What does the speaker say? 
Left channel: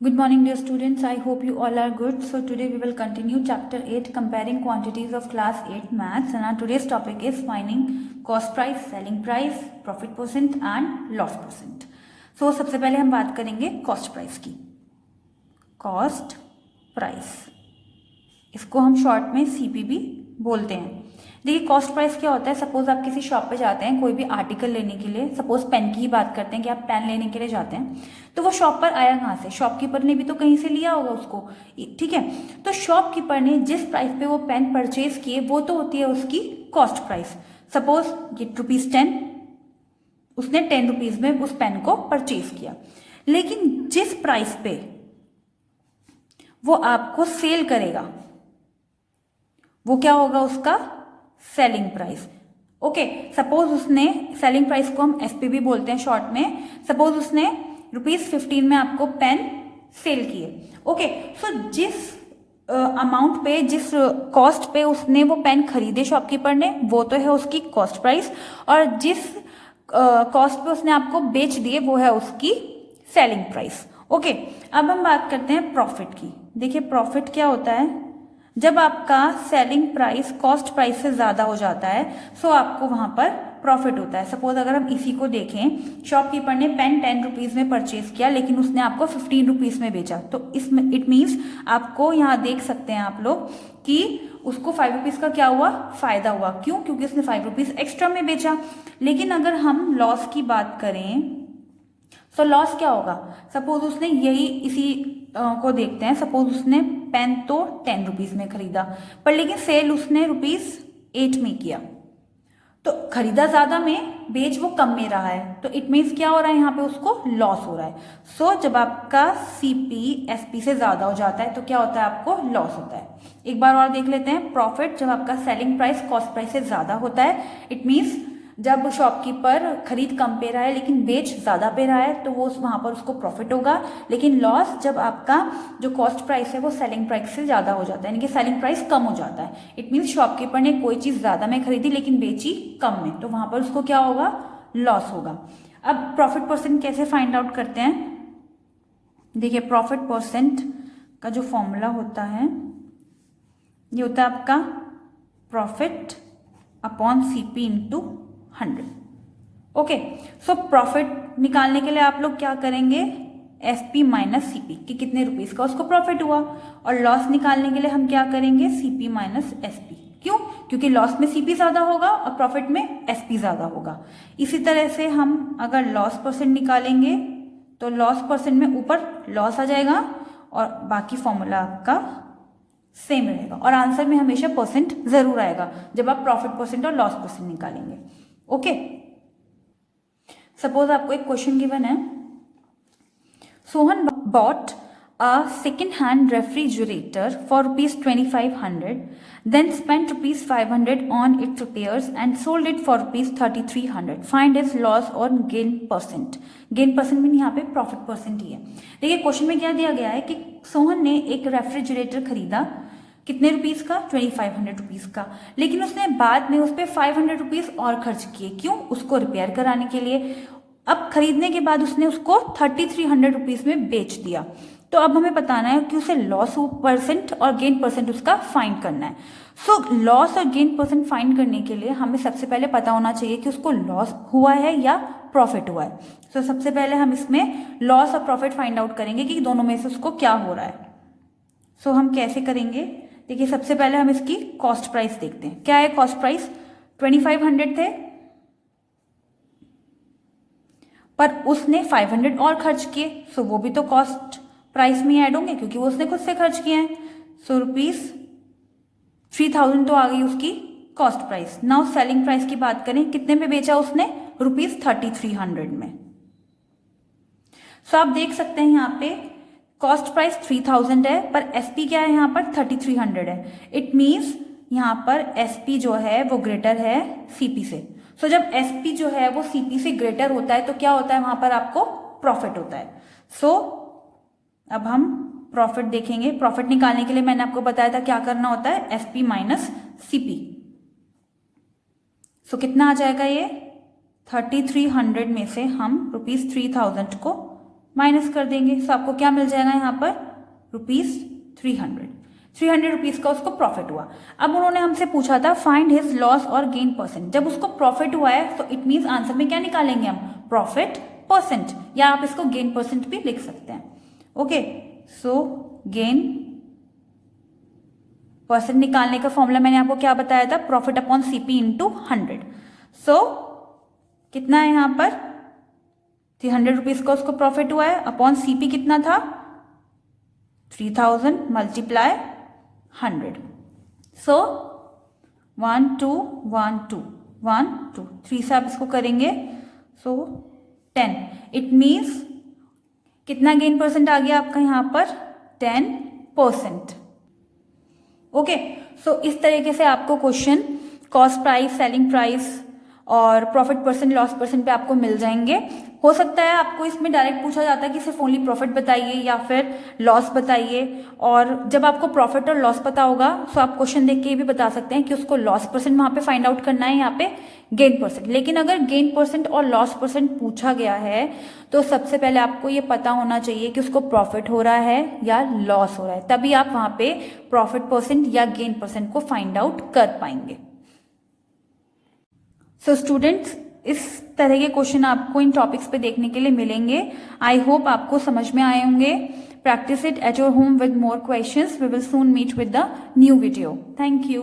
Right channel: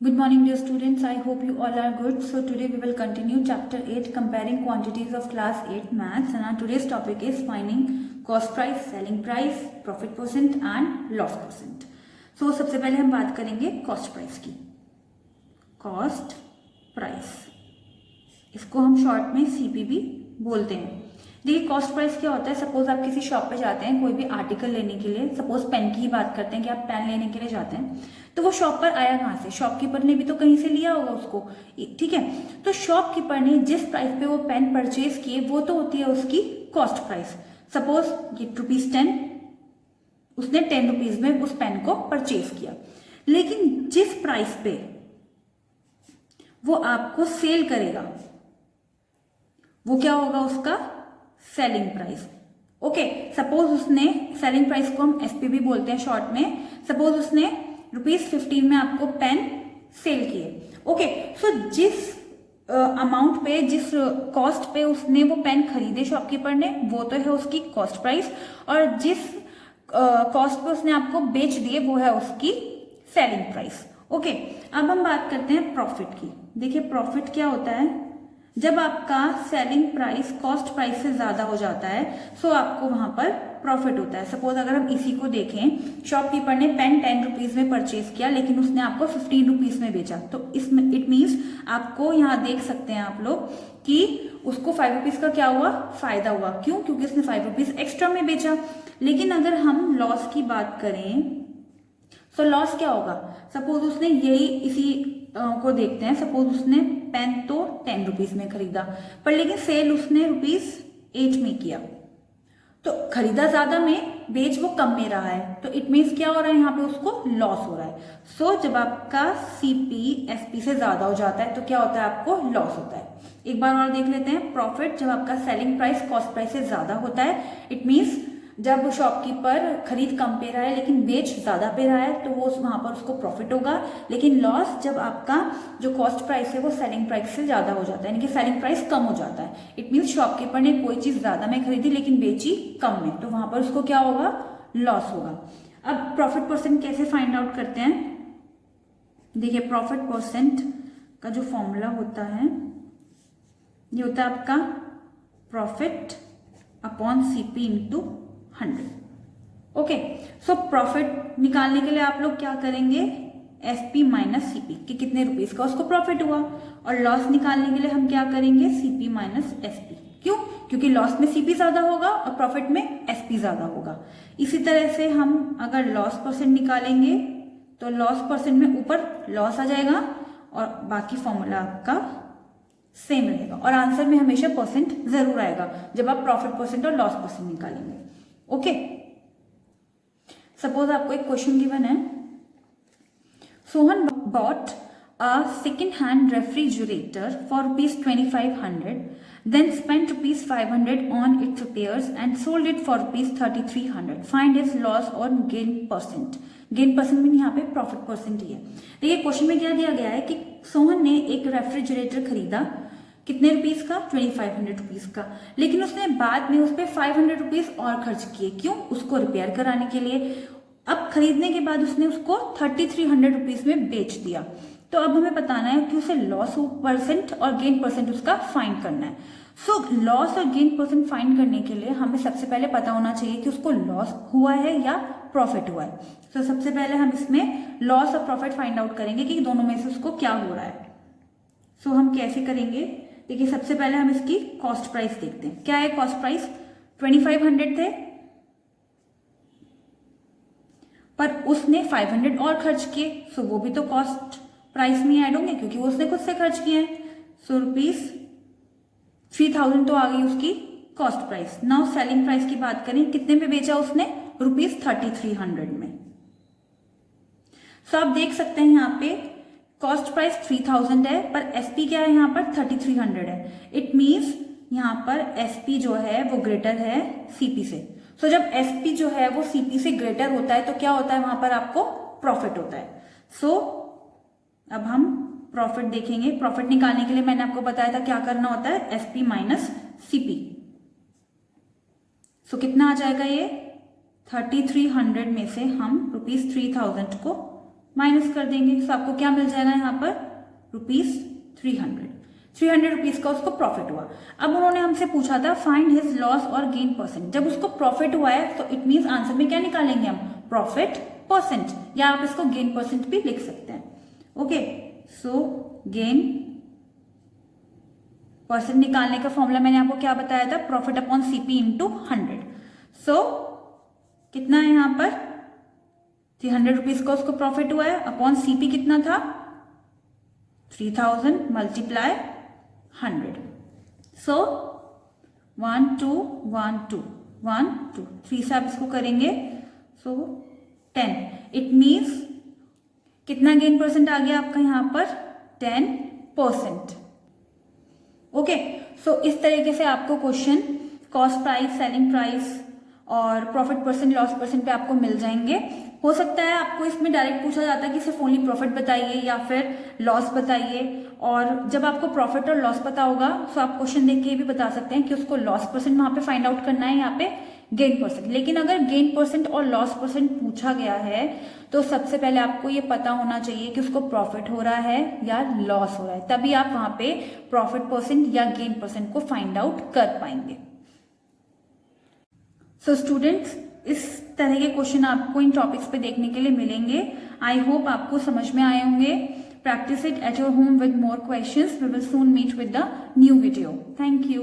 Good morning, dear students. I hope you all are good. So today we will continue chapter 8, comparing quantities of class 8 maths, and our today's topic is finding cost price, selling price, profit percent and loss percent. So सबसे पहले हम बात करेंगे cost price की. Cost price, इसको हम short में CPB बोलते हैं. देखिए कॉस्ट प्राइस क्या होता है. सपोज आप किसी शॉप पे जाते हैं कोई भी आर्टिकल लेने के लिए. सपोज पेन की ही बात करते हैं कि आप पेन लेने के लिए जाते हैं, तो वो शॉप पर आया कहाँ से? शॉपकीपर ने भी तो कहीं से लिया होगा उसको, ठीक है. तो शॉपकीपर ने जिस प्राइस पे वो पेन परचेज किए वो तो होती है उसकी कॉस्ट प्राइस. सपोज ये ₹10, उसने 10 रुपीज में उस पेन को परचेज किया, लेकिन जिस प्राइस पे वो आपको सेल करेगा वो क्या होगा? उसका सेलिंग प्राइस. ओके, सपोज उसने सेलिंग प्राइस को हम एसपीबी बोलते हैं शॉर्ट में. सपोज उसने ₹15 में आपको पेन सेल किए. ओके, सो जिस अमाउंट पे, जिस कॉस्ट पे उसने वो पेन खरीदे शॉपकीपर ने, वो तो है उसकी कॉस्ट प्राइस, और जिस कॉस्ट पे उसने आपको बेच दिए वो है उसकी सेलिंग प्राइस. ओके, अब हम बात करते हैं प्रॉफिट की. देखिए प्रॉफिट क्या होता है? जब आपका सेलिंग प्राइस कॉस्ट प्राइस से ज्यादा हो जाता है सो आपको वहां पर प्रॉफिट होता है. सपोज अगर हम इसी को देखें, शॉपकीपर ने पेन 10 रुपीज में परचेज किया लेकिन उसने आपको 15 रुपीज में बेचा, तो इसमें इट मीन्स आपको यहाँ देख सकते हैं आप लोग कि उसको 5 रुपीज का क्या हुआ? फायदा हुआ. क्यों? क्योंकि उसने 5 रुपीज एक्स्ट्रा में बेचा. लेकिन अगर हम लॉस की बात करें तो लॉस क्या होगा? सपोज उसने यही इसी को देखते हैं. सपोज उसने पेन तो 10 रुपीज में खरीदा, पर लेकिन सेल उसने ₹8 में किया, तो खरीदा ज्यादा में, बेच वो कम में रहा है, तो इट मीन्स क्या हो रहा है? यहाँ पे उसको लॉस हो रहा है. सो जब आपका सीपी एसपी से ज्यादा हो जाता है तो क्या होता है? आपको लॉस होता है. एक बार और देख लेते हैं. प्रॉफिट जब आपका सेलिंग प्राइस कॉस्ट प्राइस से ज्यादा होता है, इट मीन्स जब शॉपकीपर खरीद कम पे रहा है लेकिन बेच ज्यादा पे रहा है तो वो वहां पर उसको प्रॉफिट होगा. लेकिन लॉस जब आपका जो कॉस्ट प्राइस है वो सेलिंग प्राइस से ज्यादा हो जाता है, यानी कि सेलिंग प्राइस कम हो जाता है. इट मीन्स शॉपकीपर ने कोई चीज ज्यादा में खरीदी लेकिन बेची कम में, तो वहां पर उसको क्या होगा? लॉस होगा. अब प्रॉफिट परसेंट कैसे फाइंड आउट करते हैं? देखिए प्रॉफिट परसेंट का जो फॉर्मूला होता है ये होता है आपका profit upon CP into 100. Okay, so profit निकालने के लिए आप लोग क्या करेंगे? एसपी माइनस सीपी कि कितने रुपीस का उसको प्रॉफिट हुआ, और लॉस निकालने के लिए हम क्या करेंगे? CP minus SP. क्यों? क्योंकि लॉस में सीपी ज्यादा होगा और प्रॉफिट में एसपी ज्यादा होगा. इसी तरह से हम अगर लॉस परसेंट निकालेंगे तो लॉस परसेंट में ऊपर लॉस आ जाएगा और बाकी फॉर्मूला आपका सेम रहेगा, और आंसर में हमेशा परसेंट जरूर आएगा जब आप प्रॉफिट परसेंट और लॉस परसेंट निकालेंगे. ओके, सपोज आपको एक क्वेश्चन गिवन है. Sohan bought a second hand refrigerator for ₹2500, then spent ₹500 on its repairs and sold it for ₹3300. Find its loss or gain percent. Gain percent में यहाँ पे profit percent ही है. देखिए question में क्या दिया गया है कि सोहन ने एक रेफ्रिजरेटर खरीदा कितने रुपीस का? 2500 रुपीस का, लेकिन उसने बाद में उस पर 500 रुपीस और खर्च किए. क्यों? उसको रिपेयर कराने के लिए. अब खरीदने के बाद उसने उसको 3300 रुपीस में बेच दिया. तो अब हमें बताना है कि उसे लॉस परसेंट और गेन परसेंट उसका फाइंड करना है. सो लॉस और गेन परसेंट फाइंड करने के लिए हमें सबसे पहले पता होना चाहिए कि उसको लॉस हुआ है या प्रॉफिट हुआ है. सो सबसे पहले हम इसमें लॉस और प्रॉफिट फाइंड आउट करेंगे कि दोनों में से उसको क्या हो रहा है. सो हम कैसे करेंगे? देखिए सबसे पहले हम इसकी कॉस्ट प्राइस देखते हैं. क्या है कॉस्ट प्राइस? 2500 थे, पर उसने 500 और खर्च किए, सो वो भी तो कॉस्ट प्राइस में ऐड होंगे क्योंकि वो उसने खुद से खर्च किए हैं. सो ₹3000 तो आ गई उसकी cost price. Now selling price की बात करें, कितने पे बेचा उसने? ₹3300 में. सो आप देख सकते हैं यहाँ पे कॉस्ट प्राइस 3000 है, पर एसपी क्या है? यहाँ पर 3300 है. इट मीन्स यहाँ पर एसपी जो है वो ग्रेटर है सीपी से. सो जब एसपी जो है वो सीपी से ग्रेटर होता है तो क्या होता है? वहां पर आपको प्रॉफिट होता है. सो अब हम प्रॉफिट देखेंगे. प्रॉफिट निकालने के लिए मैंने आपको बताया था क्या करना होता है? SP minus CP. सो कितना आ जाएगा ये? 3300 में से हम ₹3000 को माइनस कर देंगे, सो आपको क्या मिल जाएगा यहाँ पर ₹300 ₹300 का उसको प्रॉफिट हुआ। अब उन्होंने हमसे पूछा था फाइंड हिज लॉस और गेन परसेंट। जब उसको प्रॉफिट हुआ है तो इट मीन्स आंसर में क्या निकालेंगे हम, प्रॉफिट परसेंट, या आप इसको गेन परसेंट भी लिख सकते हैं। ओके, सो गेन परसेंट निकालने का फॉर्मूला मैंने आपको क्या बताया था, प्रॉफिट अपॉन सीपी इंटू 100। सो कितना है यहाँ पर ₹300 का उसको प्रॉफिट हुआ है, अपॉन सीपी कितना था 3000 मल्टीप्लाई 100। सो 1 2 1 2 1 2 3 से आप इसको करेंगे, सो 10। इट मीन्स कितना गेन परसेंट आ गया आपका यहाँ पर 10%। ओके, सो इस तरीके से आपको question cost price, selling price और प्रॉफिट परसेंट, लॉस परसेंट पे आपको मिल जाएंगे। हो सकता है आपको इसमें डायरेक्ट पूछा जाता है कि सिर्फ ओनली प्रॉफिट बताइए या फिर लॉस बताइए, और जब आपको प्रॉफिट और लॉस पता होगा तो आप क्वेश्चन देख के भी बता सकते हैं कि उसको लॉस परसेंट वहां पे फाइंड आउट करना है, यहाँ पे गेन परसेंट। लेकिन अगर गेन परसेंट और लॉस परसेंट पूछा गया है तो सबसे पहले आपको ये पता होना चाहिए कि उसको प्रॉफिट हो रहा है या लॉस हो रहा है, तभी आप वहां पे प्रॉफिट परसेंट या गेन परसेंट को फाइंड आउट कर पाएंगे। सो स्टूडेंट्स, इस तरह के क्वेश्चन आपको इन टॉपिक्स पे देखने के लिए मिलेंगे। आई होप आपको समझ में आए होंगे। Practice it at your home with more questions. We will soon meet with the new video. Thank you.